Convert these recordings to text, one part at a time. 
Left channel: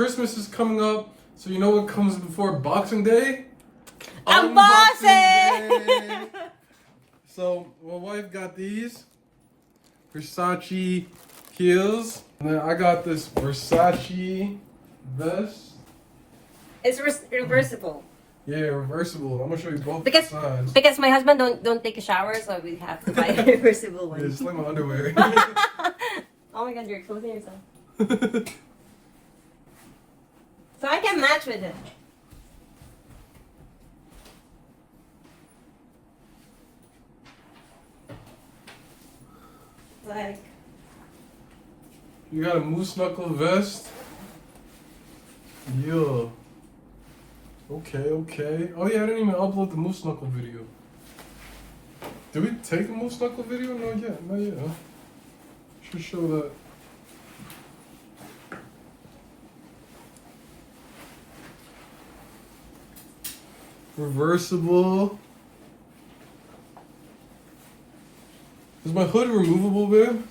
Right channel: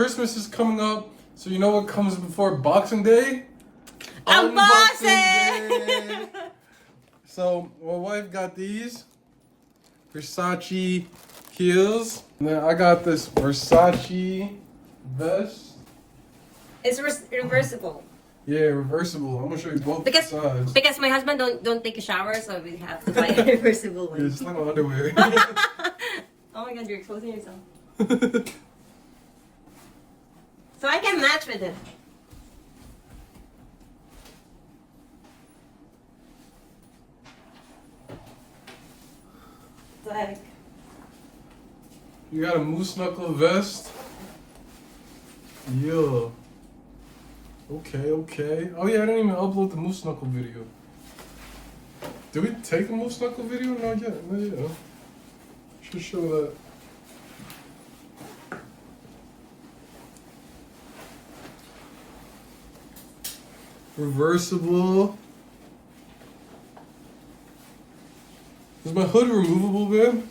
Christmas is coming up, so you know what comes before Boxing Day? Unboxing! So my wife got these Versace heels, and then I got this Versace vest. It's reversible. Yeah, reversible. I'm gonna show you both sides. Because my husband don't take a shower, so we have to buy a reversible one. Yeah, it's like my underwear. Oh my god, you're exposing yourself. So I can match with it. Like, You got a moose knuckle vest. Yeah. Okay. Oh yeah, I didn't even upload the moose knuckle video. Did we take the moose knuckle video? No, yet. Should show that. Reversible. Is my hood removable, babe?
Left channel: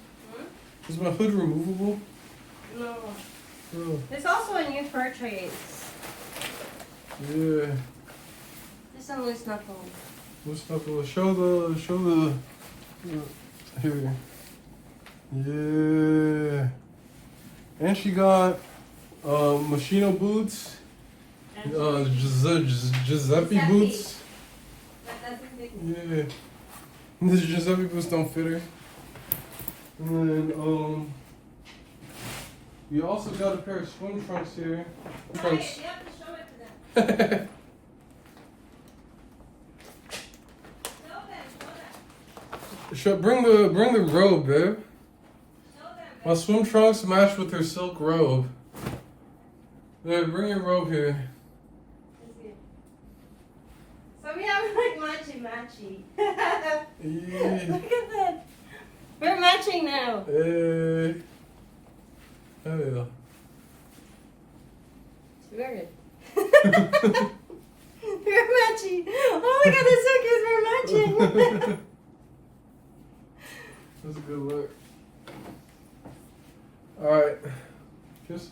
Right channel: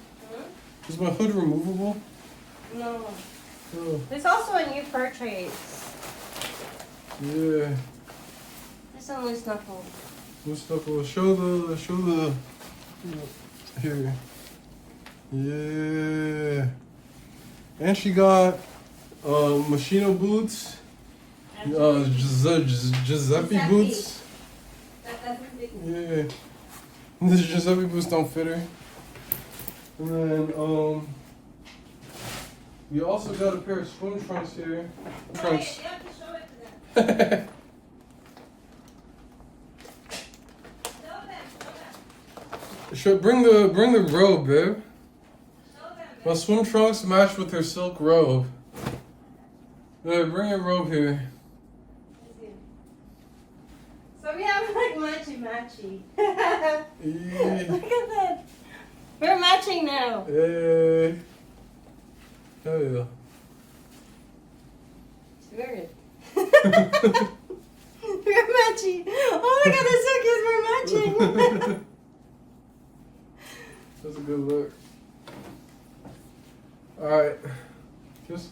Is my hood removable? no. Oh, There's also a new purchase. yeah. There's a loose knuckle. Moose knuckle. Show the. Here. Yeah. And she got Moschino boots. Giuseppe boots. Yeah. The Giuseppe boots don't fit her. And then we also got a pair of swim trunks here. Trunks. You have to show it to them. Bring the robe, babe. My swim trunks match with her silk robe. Babe, bring your robe here. So we have like matchy. Yeah. Look at that. We're matching now. Hey. Hell yeah. Wear it. We're matching. Oh my god, that's so cute. We're matching. That's a good look. Alright. Just.